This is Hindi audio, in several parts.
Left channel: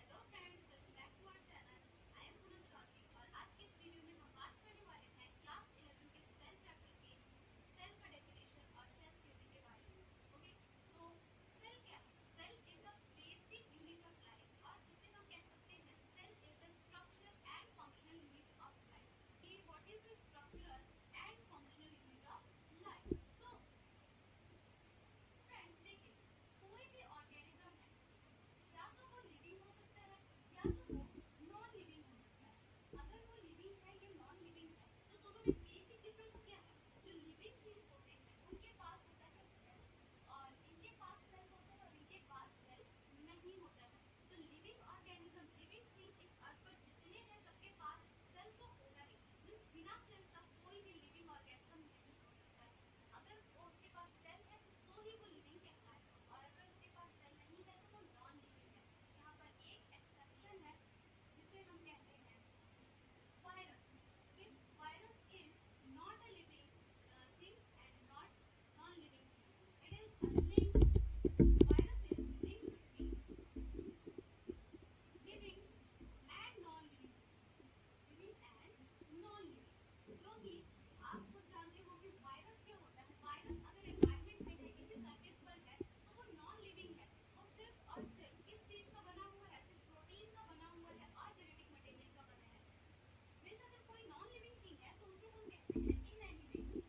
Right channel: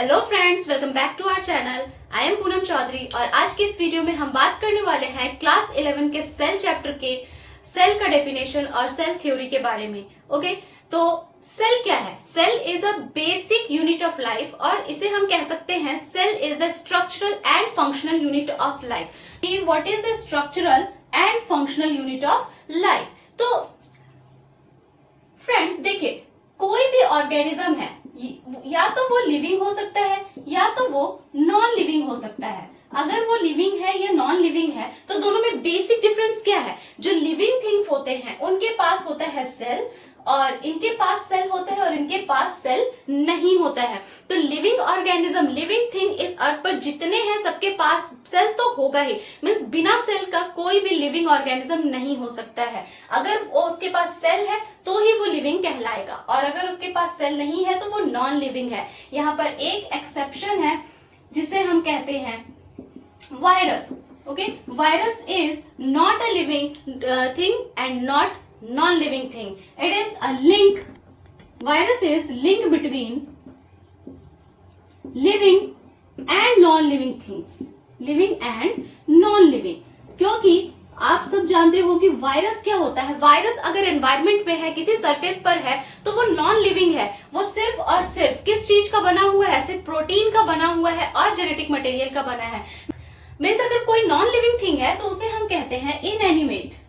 Hello friends, welcome back to our channel. I am Poonam Chaudhary और आज के इस वीडियो में हम बात करने वाले हैं क्लास 11 के सेल चैप्टर के सेल का डेफिनेशन और सेल थ्योरी के बारे में। ओके, तो सेल क्या है? Cell is a basic unit of life और इसे हम कह सकते हैं cell is the structural and functional unit of life. What is the structural and functional unit of life? तो फ्रेंड्स देखिए, कोई भी ऑर्गेनिज्म है, या तो वो लिविंग हो सकता है या तो वो नॉन लिविंग हो सकता है। अगर वो लिविंग है या नॉन लिविंग है तो दोनों में बेसिक डिफरेंस क्या है? जो लिविंग थिंग्स होते हैं उनके पास होता है सेल और इनके पास सेल होता है और इनके पास सेल नहीं होता है। तो लिविंग ऑर्गेनिज्म, लिविंग थिंग इस अर्थ पर जितने हैं सबके पास सेल तो होगा ही। मींस बिना सेल का कोई भी लिविंग ऑर्गेनिज्म नहीं हो सकता है। अगर वो उसके पास सेल है तो ही वो लिविंग कहलाएगा और अगर उसके पास सेल नहीं है तो वो नॉन लिविंग है। यहाँ पर एक एक्सेप्शन है जिसे हम कहते हैं virus. Okay, virus is not a living thing and not non-living thing. It is a link. Virus is link between living and non-living things. Living and non-living. क्योंकि आप सब जानते हो कि वायरस क्या होता है। वायरस अगर एनवायरमेंट में है, किसी सरफेस पर है, तो वो नॉन लिविंग है। वो सिर्फ और सिर्फ किस चीज का बना हुआ है? सिर्फ प्रोटीन का बना हुआ है और जेनेटिक मटेरियल का बना है। मीन्स अगर कोई नॉन लिविंग थिंग है तो उसे हम कहते हैं इनएनिमेट।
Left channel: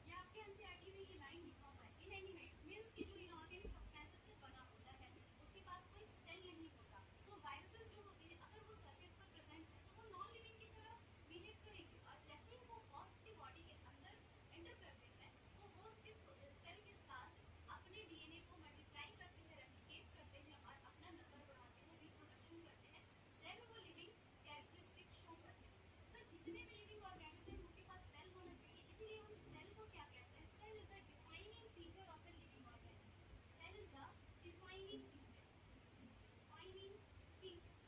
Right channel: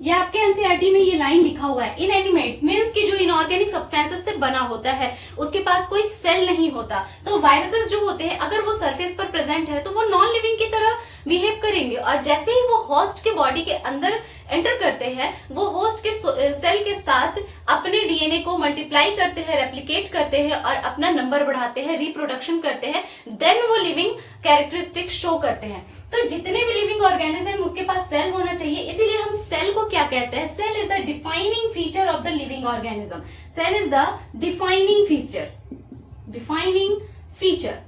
ये आपके एनसीईआरटी में ये लाइन लिखा हुआ है। इनएनिमेट मींस कि जो इनऑर्गेनिक सब्सटेंसेस से बना होता है, उसके पास कोई सेल नहीं होता। तो वायरसेस जो होते हैं अगर वो सरफेस पर प्रेजेंट है तो वो नॉन लिविंग की तरह बिहेव करेंगे और जैसे ही वो होस्ट के बॉडी के अंदर एंटर करते हैं, वो होस्ट के सेल के साथ अपने डीएनए को मल्टीप्लाई करते हैं, रेप्लिकेट करते हैं और अपना नंबर बढ़ाते हैं, रिप्रोडक्शन करते हैं, देन वो लिविंग कैरेक्टरिस्टिक शो करते हैं। तो जितने भी लिविंग ऑर्गेनिज्म उसके पास सेल होना चाहिए, इसीलिए हम सेल को क्या कहते हैं? Cell is the defining feature of the living organism. Cell is the defining feature, defining feature.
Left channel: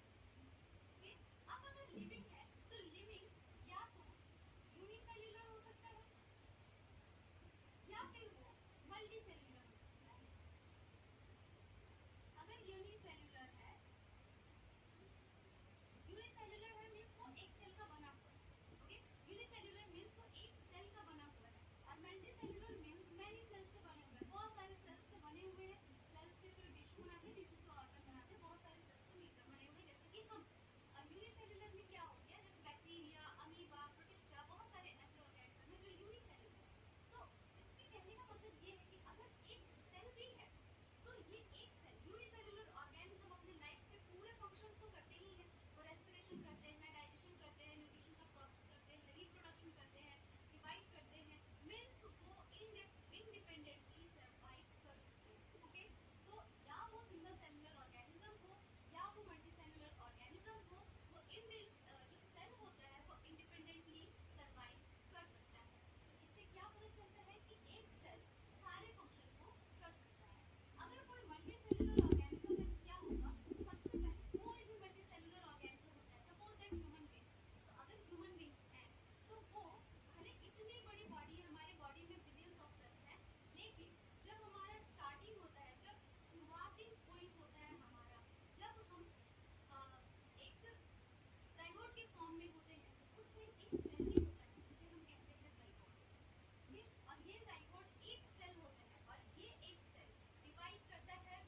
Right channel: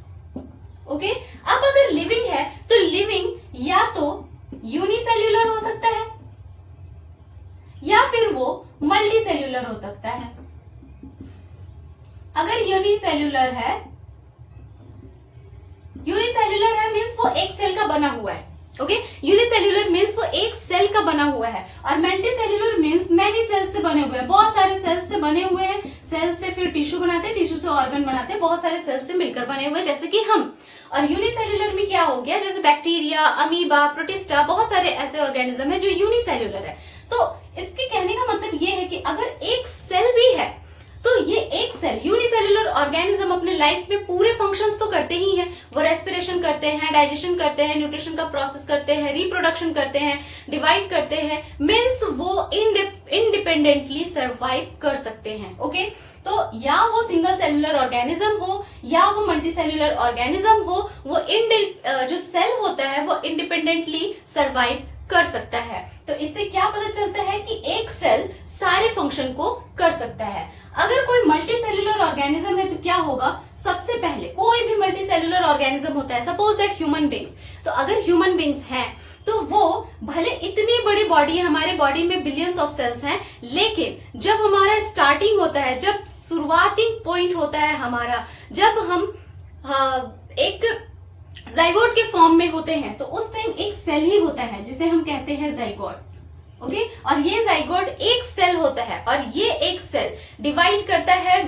Okay, अब अगर लिविंग है तो लिविंग या तो यूनिसेल्यूलर हो सकता है या फिर वो मल्टी सेल्यूलर हो सकता है। अगर यूनिसेल्यूलर है मींस वो एक सेल का बना हुआ है। ओके, यूनिसेल्यूलर मींस वो एक सेल का बना हुआ है और multi cellular means many cells से बने हुए हैं, बहुत सारे सेल्स से बने हुए हैं। सेल्स से फिर टिश्यू बनाते हैं, टिश्यू से ऑर्गन बनाते हैं, बहुत सारे सेल्स से मिलकर बने हुए हैं जैसे कि हम। और यूनिसेल्यूलर में क्या हो गया? जैसे बैक्टीरिया, अमीबा, प्रोटिस्टा, बहुत सारे ऐसे ऑर्गेनिज्म है जो यूनिसेल्यूलर है। तो इसके कहने का मतलब ये है कि अगर एक सेल भी है तो ये एक सेल यूनिसेल्यूलर ऑर्गेनिज्म अपने लाइफ में पूरे फंक्शंस तो करते ही हैं। वो रेस्पिरेशन करते हैं, डाइजेशन करते हैं, न्यूट्रिशन का प्रोसेस करते हैं, रिप्रोडक्शन करते हैं, डिवाइड करते हैं। मींस वो इंडिपेंडेंटली सर्वाइव कर सकते हैं। ओके, तो या वो सिंगल सेल्यूलर ऑर्गेनिज्म हो या वो मल्टी सेल्यूलर ऑर्गेनिज्म हो, वो जो सेल होता है वो इंडिपेंडेंटली सर्वाइव कर सकता है। तो इससे क्या पता चलता है कि एक सेल सारे फंक्शन को कर सकता है। अगर कोई मल्टी सेल्यूलर ऑर्गेनिज्म है तो क्या होगा? सबसे पहले कोई भी मल्टी सेल्यूलर ऑर्गेनिज्म होता है, सपोज दैट ह्यूमन बींग्स, तो अगर ह्यूमन बींग्स हैं तो वो भले इतनी बड़ी बॉडी है, हमारे बॉडी में बिलियंस ऑफ सेल्स हैं, लेकिन जब हमारा स्टार्टिंग होता है, जब शुरुआती पॉइंट होता है हमारा, जब हम एक जाइगोट के फॉर्म में होते हैं तो उस टाइम एक सेल ही होता है जिसे हम कहते हैं जाइगोट। ओके, और ये जाइगोट एक सेल होता है और ये एक सेल डिवाइड करता है,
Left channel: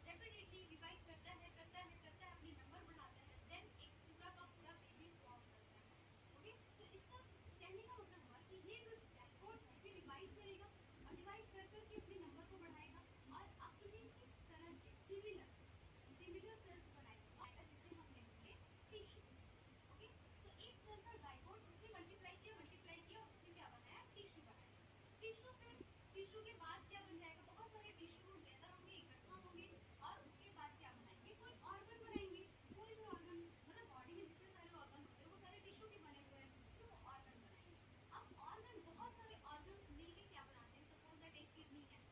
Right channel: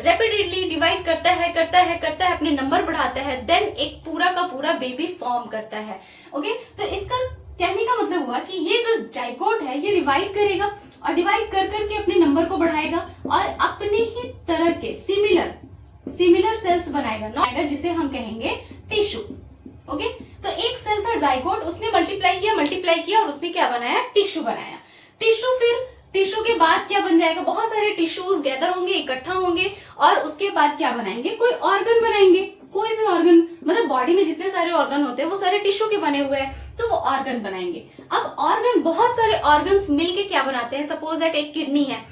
रेपिडली डिवाइड करता है, अपने नंबर बढ़ाता है, देन एक पूरा का पूरा बेबी फॉर्म करता है। ओके, तो इसका कहने का मतलब हुआ कि ये जो जाइगोट है ये डिवाइड करेगा और डिवाइड कर करके अपने नंबर को बढ़ाएगा और अपने ही तरह के सिमिलर सेल्स बनाएगा, जिसे हम कहेंगे टिश्यू। ओके, तो एक सेल था जाइगोट, उसने मल्टीप्लाई किया और उसने क्या बनाया? टिश्यू बनाया। फिर टिश्यू के बाद क्या बन जाएगा? बहुत सारे टिश्यूज गैदर होंगे, इकट्ठा होंगे और उसके बाद क्या बनाएंगे? कोई ऑर्गन बनाएंगे। कोई भी ऑर्गन, मतलब बॉडी में जितने सारे ऑर्गन होते हैं वो सारे टिश्यू के बने हुए हैं, तो वो ऑर्गन बनाएंगे। अब ऑर्गन, बहुत सारे ऑर्गन्स मिलके क्या बनाते हैं? सपोज दैट एक किडनी है,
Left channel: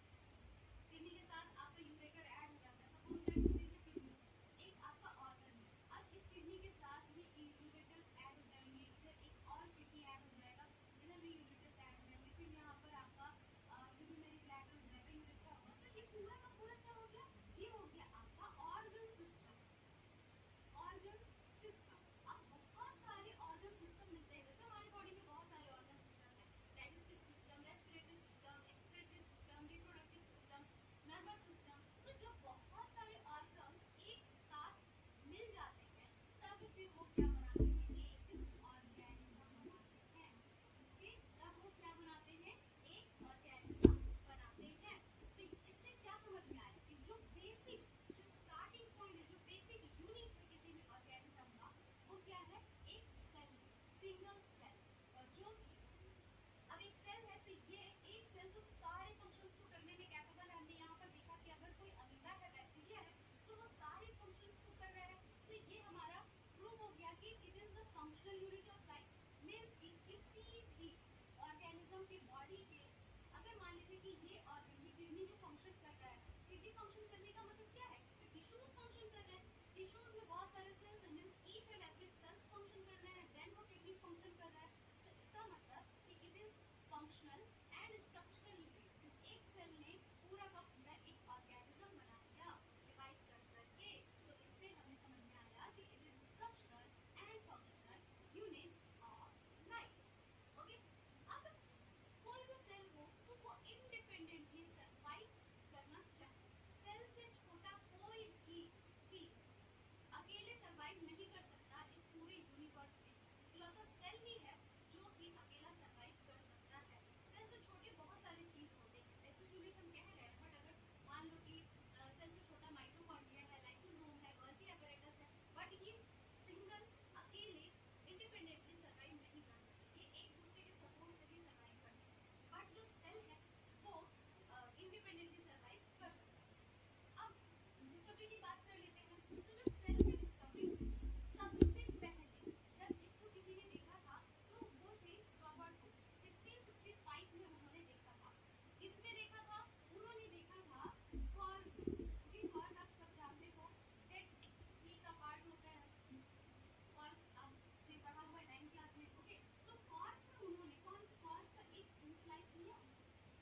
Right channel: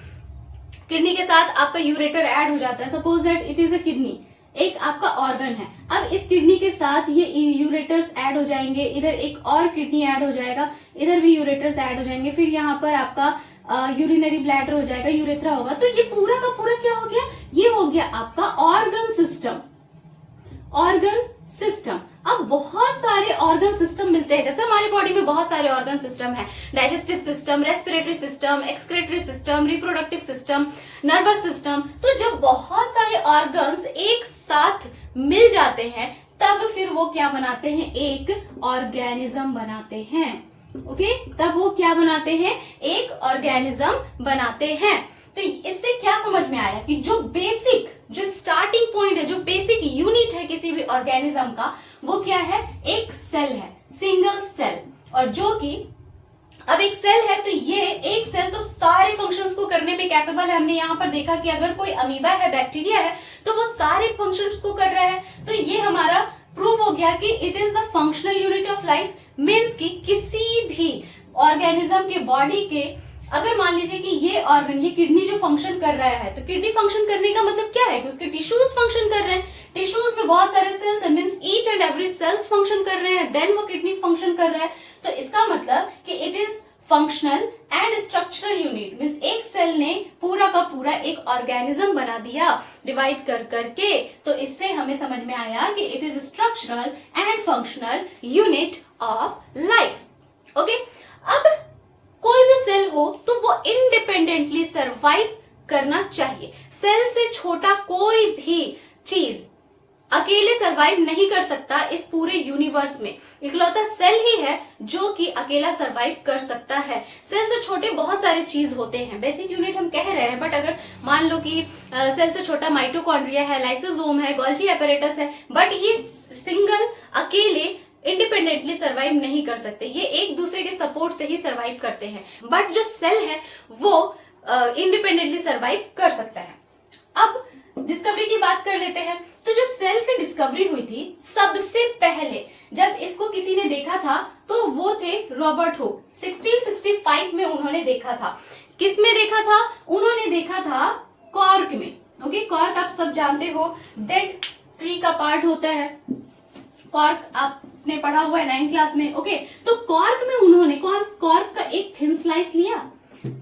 किडनी के साथ आपका यूरेटर ऐड हो जाता है, suppose that it is a kidney, एक आपका ऑर्गन है। अब इस किडनी के साथ ये यूरेटर्स ऐड हो जाएंगे, इधर एक और किडनी ऐड हो जाएगा, इधर भी यूरेटर्स ऐड हो जाएंगे, फिर यहाँ पर आपका यूरिनरी ब्लैडर हो जाएगा, यूरेथ्रा होगा। तो ये पूरा का पूरा क्या हो गया? ये हो गया आपका ऑर्गन सिस्टम। Organ system. अब बहुत सारे ऑर्गन सिस्टम मिलते हैं, जैसे हमारे बॉडी में बहुत सारे ऑर्गन सिस्टम है, digestive system, respiratory system, excretory system, reproductive system, nervous system. तो जब बहुत सारे ऑर्गन्स एक साथ मिल जाते हैं तब फिर वो क्या बनाते हैं, एक ऑर्गेनिज्म बनाते हैं। ओके, तब वो क्या बनाते हैं, एक ऑर्गेनिज्म बनाते हैं। तो इससे क्या समझ में आया कि जो बेसिक, जो स्टार्टिंग पॉइंट है, जो बेसिक यूनिट है किसी भी ऑर्गेनिज्म का, वो क्या है, एक सेल है, सिंगल सेल। और जो कि अब एक सेल है तो ये एक सेल तो सारे फंक्शंस को करने में कैपेबल है। हमने यहाँ पर देखा कि अगर कोई अमीबा है, बैक्टीरिया है, तो वो सारे फंक्शंस को कर रहा है। तो ये हमारा प्रूव हो गया कि it is the functional unit of life. Means कि किसी भी ऑर्गेनिज्म के बॉडी के, अगर मान लीजिए कि ये ऑर्गन, ये किडनी जो फंक्शन कर रहा है, तो किडनी फंक्शन करने का मतलब क्या है कि उसके टिश्यूज फंक्शन कर रहे हैं, टिश्यूज में बहुत सारे सेल्स है, means each and every cells function कर रहे हैं, देन वो किडनी फंक्शन कर रहा है। तो इसका मतलब कि it is functional and structural unit. Means एक सेल ने पूरा का पूरा एक ऑर्गेनिज्म बना दिया डिवाइड कर करके। तो इससे हमें समझ में आया कि it is structural and functional unit of life. Okay, अब कोई भी सेल हो तो वो इंडिपेंडेंटली सरवाइव करना चाहिए। सेल से छोटा कोई भी चीज अकेले सरवाइव नहीं कर सकता इस पूरे यूनिवर्स में। इकलौता सेल ही है जो कि अकेला सरवाइव कर सकता है। सेल से छोटे बहुत सारे चीज होते हैं, बेसिक यूनिट हम कह रहे हैं, बट अगर मान लो कि सेल से छोटा माइटोकॉन्ड्रिया है, लाइसोसोम है, गोल्जी एपेरेटस है, बट ये सिंगल अकेले इंडिपेंडेंटली सरवाइव नहीं कर सकते, ये एक दूसरे के सपोर्ट से ही सरवाइव करते हैं। बट जो सेल है वो इंडिपेंडेंटली सरवाइव कर सकता है। अब डिस्कवरी की बात कर लेते हैं। तो जो सेल की डिस्कवरी हुई थी सबसे पहले जब इसको किसी ने देखा था तो वो थे रॉबर्ट हुक। 1665 में उन्होंने देखा था। किस में देखा था? उन्होंने देखा था कॉर्क में। ओके, कॉर्क आप सब जानते हो, डेड ट्री का पार्ट होता है। कॉर्क आपने पढ़ा हुआ है 9th क्लास में। ओके, तो कॉर्क में उन्होंने कॉर्क का एक थिन स्लाइस लिया,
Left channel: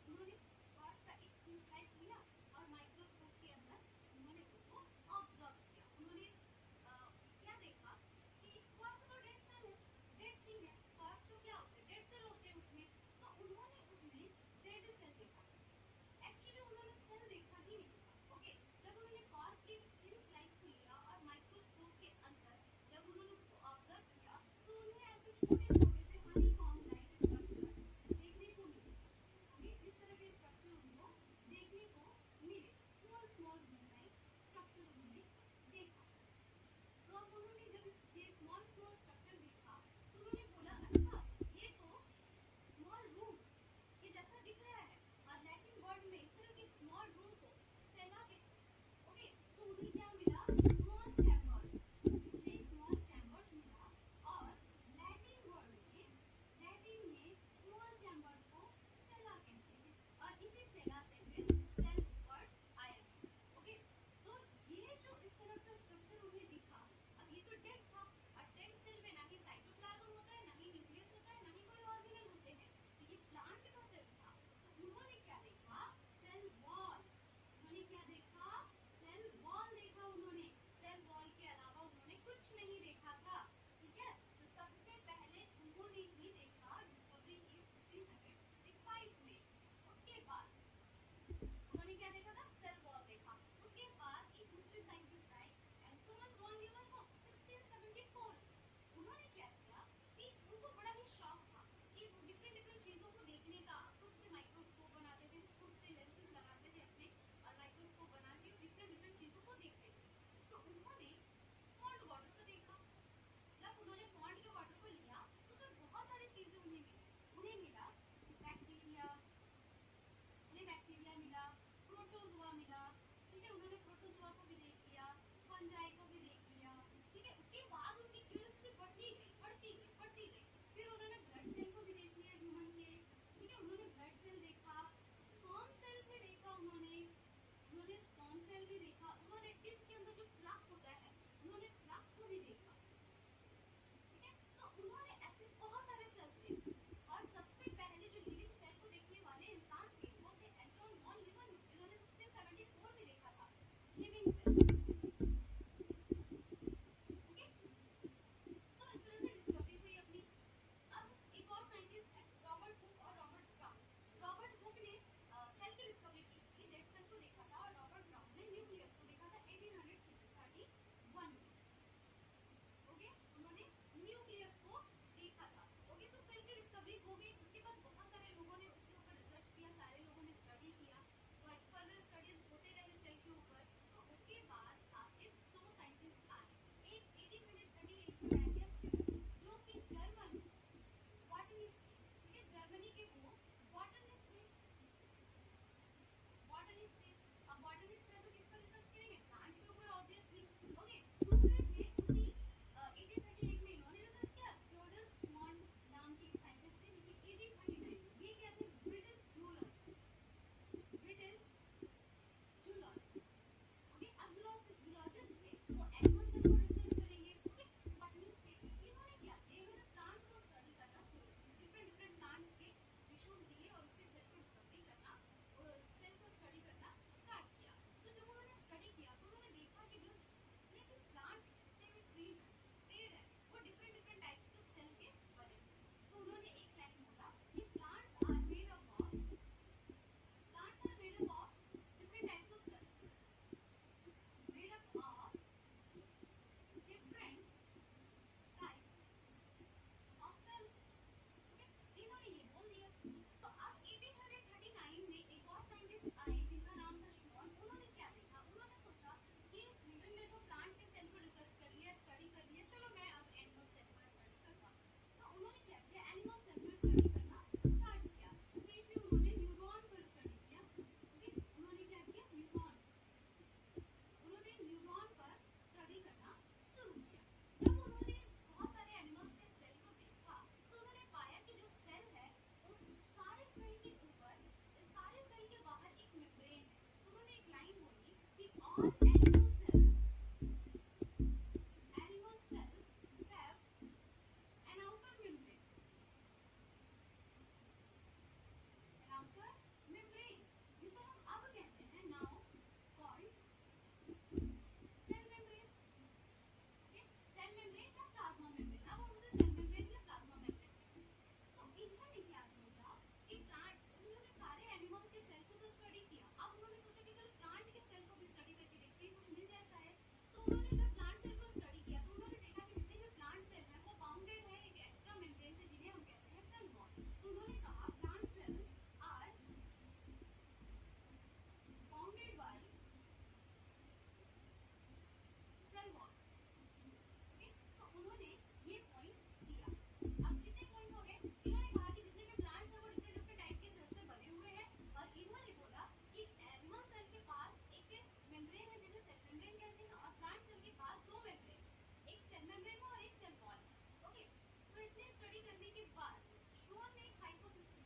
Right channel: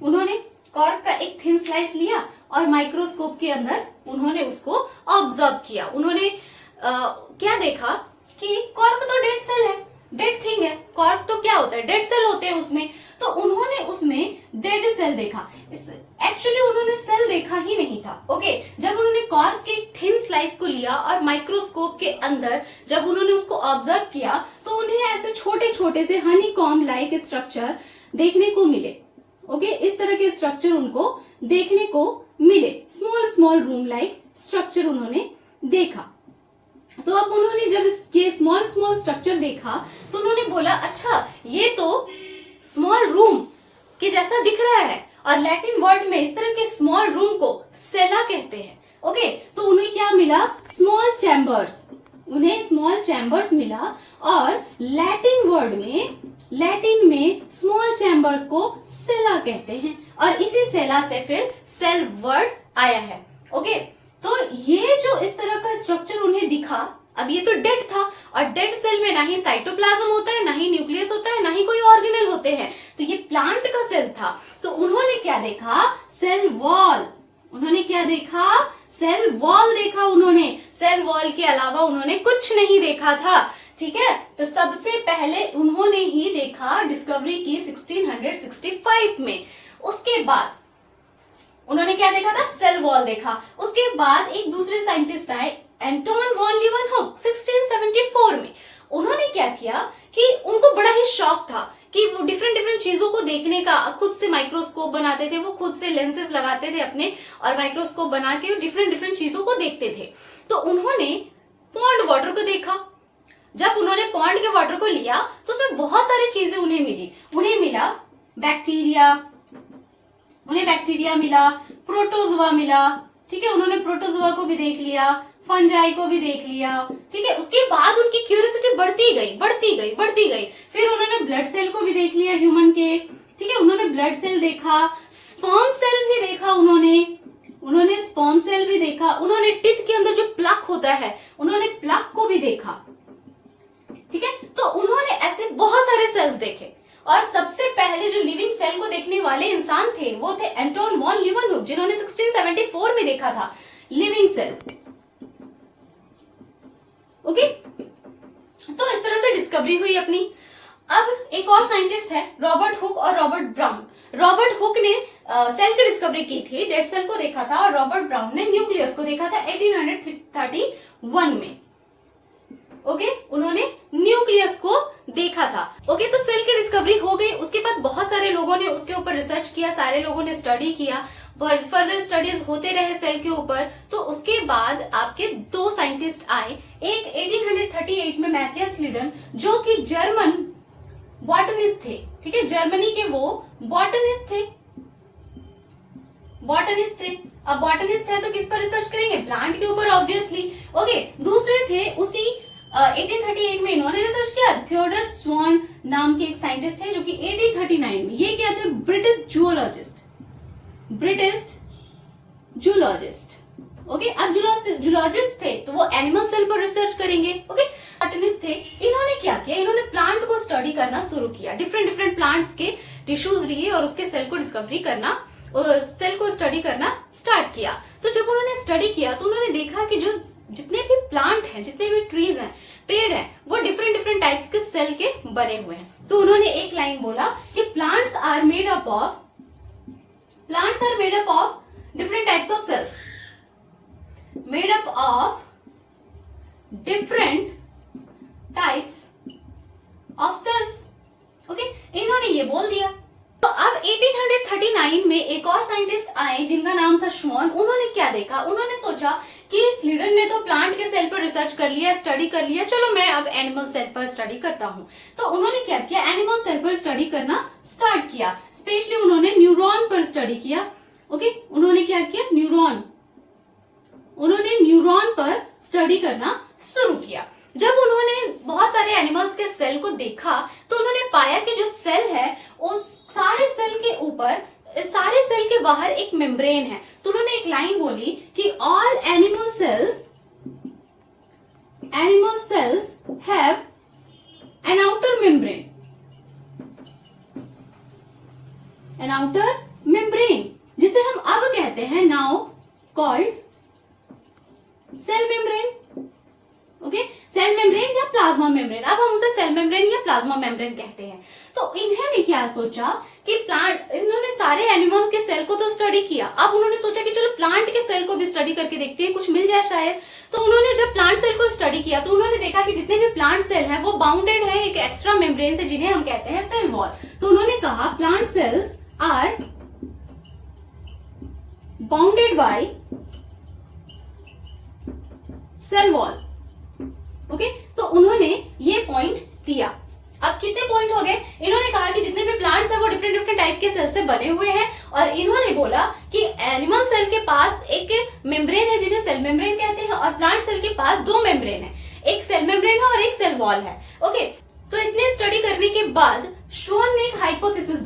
उन्होंने कॉर्क का एक थिन स्लाइस लिया और माइक्रोस्कोप के अंदर उन्होंने उसको ऑब्जर्व किया। उन्होंने क्या देखा कि कॉर्क तो डेड सेल है, डेड थिंग है। कॉर्क तो क्या होता है, डेड सेल होते हैं उसमें। तो उन्होंने उसमें डेड सेल देखा। एक्चुअली उन्होंने सेल देखा ही नहीं था। ओके, जब उन्होंने कॉर्क के थिन स्लाइस को लिया और माइक्रोस्कोप के अंदर जब उन्होंने उसको ऑब्जर्व किया तो उन्हें ऐसे छोटे छोटे से हनी कॉम्ब लाइक स्ट्रक्चर देखने को मिले। ओके, इस तरह के स्ट्रक्चर उनको देखने को मिले, small small room like structure उन्होंने देखा। तो अब उन्होंने जब इसके स्मॉल स्मॉल स्ट्रक्चर देखा तो उन्होंने बोला अच्छा ये तो स्मॉल रूम के जैसा दिख रहा है, और लैटिन वर्ड में इस तरह के स्मॉल रूम को सेला कहते हैं। ओके, तो उन्हें क्या मिला, स्मॉल चैम्बर्स, उन्हें स्मॉल चैम्बर्स मिला। और लैटिन में स्मॉल चैम्बर्स को सेला कहते हैं, और इसी सेला से फिर सेल वर्ड आया है। ओके, तो ये जो इस तरह का स्ट्रक्चर उन्हें दिखा, अब ये तो डेड था, और डेड सेल में ना ही साइटोप्लाज्म होता है, ना ही न्यूक्लियस होता है, ना ही कोई ऑर्गेनेल होते हैं, तो ये प्लांट का सेल था। तो उन्होंने क्या देखा, सेल वॉल। उन्होंने क्या देखा, सेल वॉल देखा। उन्होंने सेल वॉल के अलावा उन्होंने कुछ नहीं देखा था। ठीक है, तो सबसे पहले उन्होंने ही देखा, डिस्कवरी की 1665 में। उसके बाद उन्होंने क्या देखा था, सेल वॉल देखा। उसके बाद एक दूसरे साइंटिस्ट आए, एंटोन वॉन लीeuwenhoek 1674 में। उन्होंने क्या किया कि उनको बड़ा ही शौक था कि वो डिफरेंट चीजों को देखने का। खुद से माइक्रोस्कोप बनाते थे, वो खुद से लेंसेज लगाते थे अपने, और माइक्रोस्कोप बना के डिफरेंट चीजों को देखते थे। तो उन्होंने पॉन्ड वाटर को देखा। जब उन्होंने पॉन्ड के वाटर को लिया तो उसमें बहुत सारी चीजें उन्हें मिली। उन्हें मिला बैक्टीरिया, मिला, प्रोटोजोआ मिला। ठीक है, उन्होंने प्रोटोजोआ को भी देख लिया, फंजाई को भी देख लिया। ठीक है, उसके बाद उनकी क्यूरियोसिटी बढ़ती गई। फिर उन्होंने ब्लड सेल को भी देख लिया ह्यूमन के। ठीक है, उन्होंने ब्लड सेल देखा, स्पर्म सेल भी देखा, उन्होंने स्पर्म सेल भी देखा। उन्होंने टिथ के अंदर जो प्लक होता है, उन्होंने प्लक को भी देखा। ठीक है, तो उन्होंने ऐसे बहुत सारे सेल्स देखे। और सबसे पहले जो लिविंग सेल को देखने वाले इंसान थे वो थे एंटोन वॉन लीeuwenhoek, जिन्होंने 1674 में देखा था लिविंग सेल। डिस्कवरी हुई अपनी। अब एक और साइंटिस्ट है रॉबर्ट हुक और रॉबर्ट ब्राउन। रॉबर्ट हुक ने सेल की डिस्कवरी की थी, डेड सेल को देखा था, और रॉबर्ट ब्राउन ने न्यूक्लियस को देखा था 1831 में। ओके, उन्होंने न्यूक्लियस को देखा था। ओके, तो सेल की डिस्कवरी हो गई। उसके बाद बहुत सारे लोगों ने उसके ऊपर रिसर्च किया, सारे लोगों ने स्टडी किया, फर्दर स्टडीज होते रहे सेल के ऊपर। तो उसके बाद आपके दो साइंटिस्ट आए, एक 1838 में मैथियस लीडन, जो कि जर्मन बॉटनिस्ट थे। ठीक है, जर्मनी के वो बॉटनिस्ट थे। अब बॉटनिस्ट है तो किस पर रिसर्च करेंगे? प्लांट के ऊपर ऑब्वियसली। ओके, दूसरे थे उसी 1838 में इन्होंने रिसर्च किया, थियोडर स्वॉन नाम के एक साइंटिस्ट थे, जो कि 1839 में, ये क्या थे? British zoologist. ओके, अब जूलॉजिस्ट थे तो वो एनिमल सेल पर रिसर्च करेंगे। ओके, बॉटनिस्ट थे, इन्होंने क्या किया? इन्होंने प्लांट को स्टडी करना शुरू किया, डिफरेंट प्लांट्स के टिश्यूज लिए और उसके सेल को स्टडी करना स्टार्ट किया। तो जब उन्होंने स्टडी किया तो उन्होंने देखा कि जो जितने भी प्लांट हैं, जितने भी ट्रीज हैं, पेड़ हैं, वो डिफरेंट टाइप्स के सेल के बने हुए हैं। तो उन्होंने एक लाइन बोला कि plants are made up of different types of cells, made up of different types of cells. Okay, इन्होंने ये बोल दिया। तो अब 1839 में एक और साइंटिस्ट आए जिनका नाम था श्वान। उन्होंने क्या देखा? उन्होंने सोचा कि स्लीडन ने तो प्लांट के सेल पर रिसर्च कर लिया, स्टडी कर लिया, चलो मैं अब एनिमल सेल पर स्टडी करता हूँ। तो उन्होंने क्या किया? एनिमल सेल पर स्टडी करना स्टार्ट किया। स्पेशली उन्होंने न्यूरॉन पर स्टडी किया। ओके, उन्होंने क्या किया? न्यूरॉन पर स्टडी करना शुरू किया। जब उन्होंने बहुत सारे एनिमल्स के सेल को देखा तो उन्होंने पाया कि जो सेल है उस सारे सेल के ऊपर, सारे सेल के बाहर एक मेम्ब्रेन है। तो उन्होंने एक लाइन बोली कि all animal cells have an outer membrane, जिसे हम अब कहते हैं now called cell membrane. Okay, cell membrane या प्लाज्मा मेम्ब्रेन, अब हम उसे सेल मेम्ब्रेन या प्लाज्मा मेम्ब्रेन कहते हैं। तो इन्होंने क्या सोचा कि इन्होंने सारे एनिमल्स के सेल को तो स्टडी किया, अब उन्होंने सोचा कि चलो प्लांट के सेल को भी स्टडी करके देखते हैं, कुछ मिल जाए शायद। तो उन्होंने जब प्लांट सेल को स्टडी किया तो उन्होंने देखा कि जितने भी प्लांट सेल हैं वो बाउंडेड है एक एक्स्ट्रा मेम्ब्रेन से, जिन्हें हम कहते हैं सेल वॉल। तो उन्होंने कहा plant cells are bounded by cell wall. Okay, तो उन्होंने ये पॉइंट दिया। अब कितने पॉइंट हो गए? इन्होंने कहा कि जितने भी प्लांट्स हैं वो डिफरेंट टाइप के सेल से बने हुए हैं, और इन्होंने बोला कि एनिमल सेल के पास एक मेम्ब्रेन है जिन्हें सेल मेम्ब्रेन कहते हैं, और प्लांट सेल के पास दो मेम्ब्रेन है, एक सेल मेम्ब्रेन है और एक सेल वॉल है। ओके, तो इतने स्टडी करने के बाद श्वान ने एक हाइपोथेसिस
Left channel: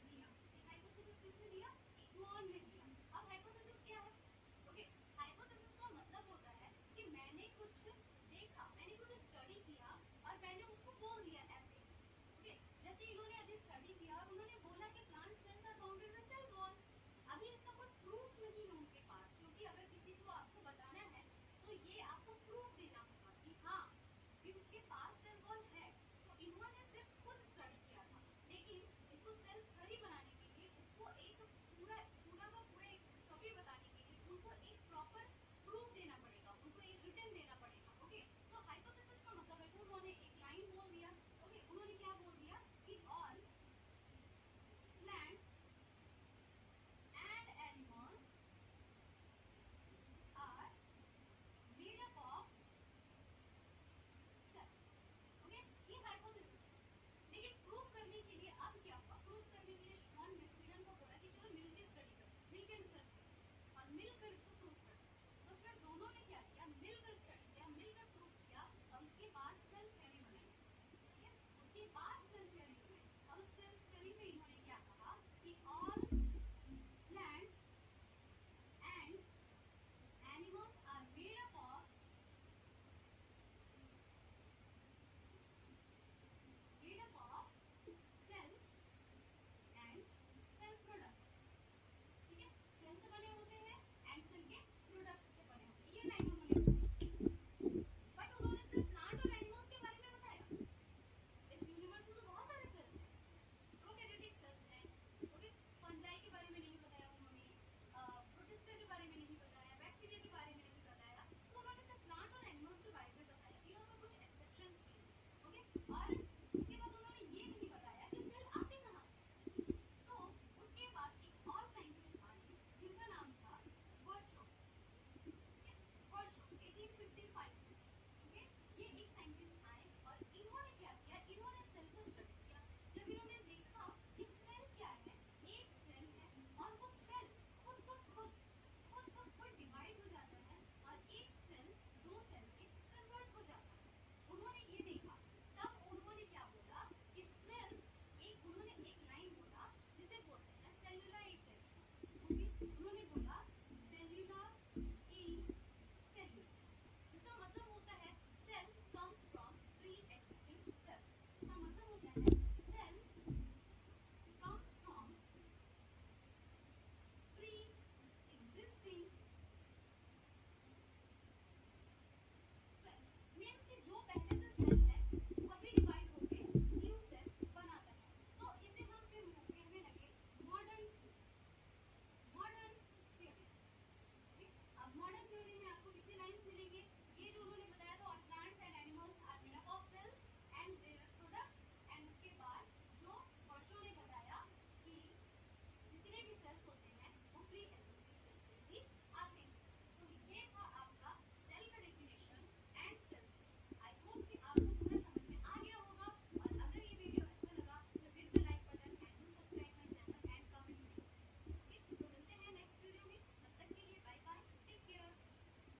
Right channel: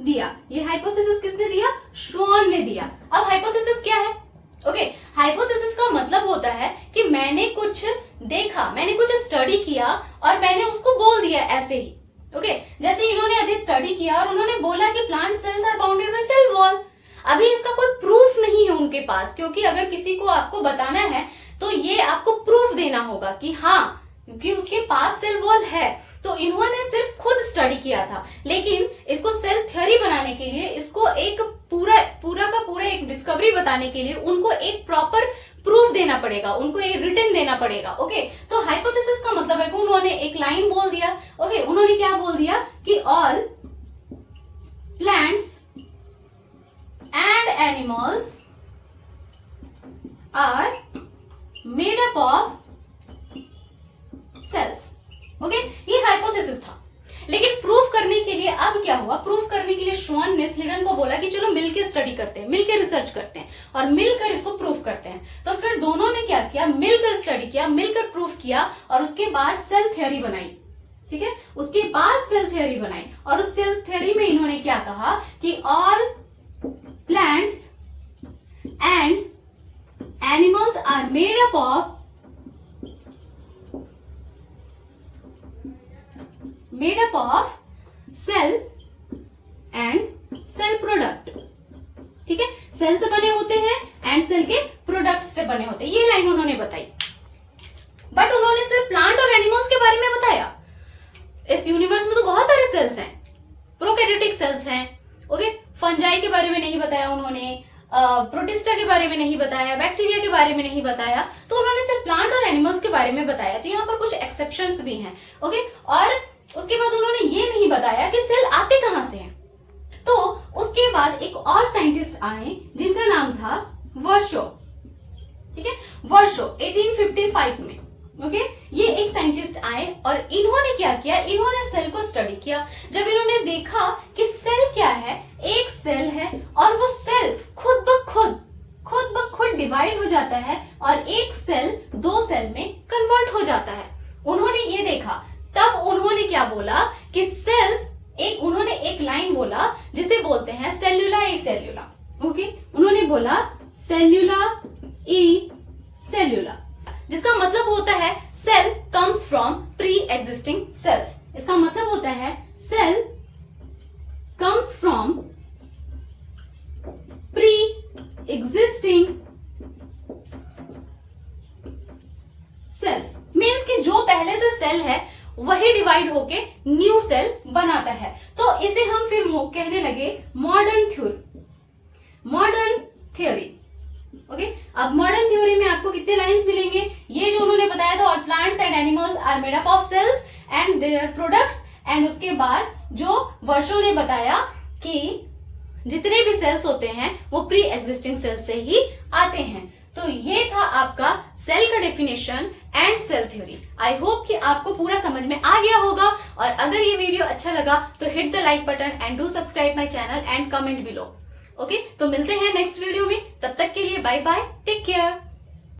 दिया। ये हाइपोथेसिस किसने दिया? श्वान ने दिया। अब हाइपोथेसिस क्या है? ओके, हाइपोथेसिस का मतलब होता है कि मैंने कुछ देखा, मैंने कुछ स्टडी किया और मैंने उसको बोल दिया ऐसे ही। ओके, जैसे इन्होंने अभी स्टडी किया और उन्होंने बोला कि plant cells are bounded by cell wall. अभी इसका कोई प्रूफ नहीं है उनके पास, क्योंकि अगर किसी को आपको बताना है तो ये आपको प्रूफ देना होगा कि हाँ, क्योंकि उसके पास सेल वॉल है। तो इन्होंने सिर्फ खुद स्टडी किया था, लेकिन इसको सेल थ्योरी बनाने के लिए, इसको एक पूरा एक डिस्कवरी बताने के लिए उनको एक प्रॉपर प्रूफ देना पड़ेगा, उनको एक रिटन देना पड़ेगा। ओके, तो हाइपोथेसिस का मतलब है कि उन्होंने एक लाइन बोल दिया। ओके, उन्होंने क्या बोल दिया कि all plants and animals are made up of cells. Okay, ये हाइपोथेसिस था। लेकिन प्रूफ करने के लिए अब क्या हुआ? प्रूफ करने के लिए श्वान ने स्लीडन को बोला कि चलो मिलकर स्टडी करते हैं, मिलकर रिसर्च करते हैं और मिलकर इसको प्रूफ करते हैं। तो फिर दोनों ने क्या किया? मिलकर स्टडी किया, मिलकर प्रूफ किया, और उसके बाद सेल थ्योरी बनाई। ठीक है, उसके बाद सेल थ्योरी बनाई, और उस सेल थ्योरी में इन्होंने क्या कहा कि all plants and animals are made up of cell and cell product. ठीक है, सेल से बने होते हैं एंड सेल के प्रोडक्ट्स से बने होते हैं। ये लाइन उन्होंने बताई। प्रोटिस्टा के बारे में नहीं बताया, बैक्टीरिया के बारे में नहीं बताया, तो उन्होंने सिर्फ प्लांट और एनिमल्स के बारे में बताया। तो यहाँ पर कुछ एक्सेप्शंस भी हैं। ओके, और उसके बाद उन्होंने ये नहीं बताया कि सेल आते कहाँ से हैं। तो उसके बाद एक और साइंटिस्ट आए जिनका नाम था वर्शो। ठीक है, वर्शो 1855 में। ओके, ये एक साइंटिस्ट आए और इन्होंने क्या किया, इन्होंने सेल को स्टडी किया। जब इन्होंने देखा कि सेल क्या है, एक सेल है और वो सेल खुद ब खुद डिवाइड हो जाता है और एक सेल दो सेल में कन्वर्ट हो जाता है। उन्होंने ये देखा, तब उन्होंने क्या बोला कि सेल्स, उन्होंने एक लाइन बोला जिसे बोलते हैं सेल्यूला ई सेल्यूला। ओके, उन्होंने बोला सेल्यूला ई सेल्यूला, जिसका मतलब होता है cell comes from pre existing cells. इसका मतलब होता है cell comes from pre existing cells. Means कि जो पहले से सेल है वही डिवाइड होके न्यू सेल बनाता है। तो इसे हम फिर कहने लगे मॉडर्न थ्योरी। ओके, अब मॉडर्न थ्योरी में आपको कितने लाइंस मिलेंगे, ये जो उन्होंने बताया था, all plants and animals are made up of cells and their products. And उसके बाद जो वर्षों ने बताया कि जितने भी सेल्स होते हैं वो प्री एग्जिस्टिंग सेल से ही आते हैं। तो ये था आपका सेल का definition and cell theory. I hope कि आपको पूरा समझ में आ गया होगा, और अगर ये वीडियो अच्छा लगा तो hit the like button and do subscribe my channel and comment below. Okay, तो मिलते हैं नेक्स्ट वीडियो में, तब तक के लिए बाय बाय, टेक केयर।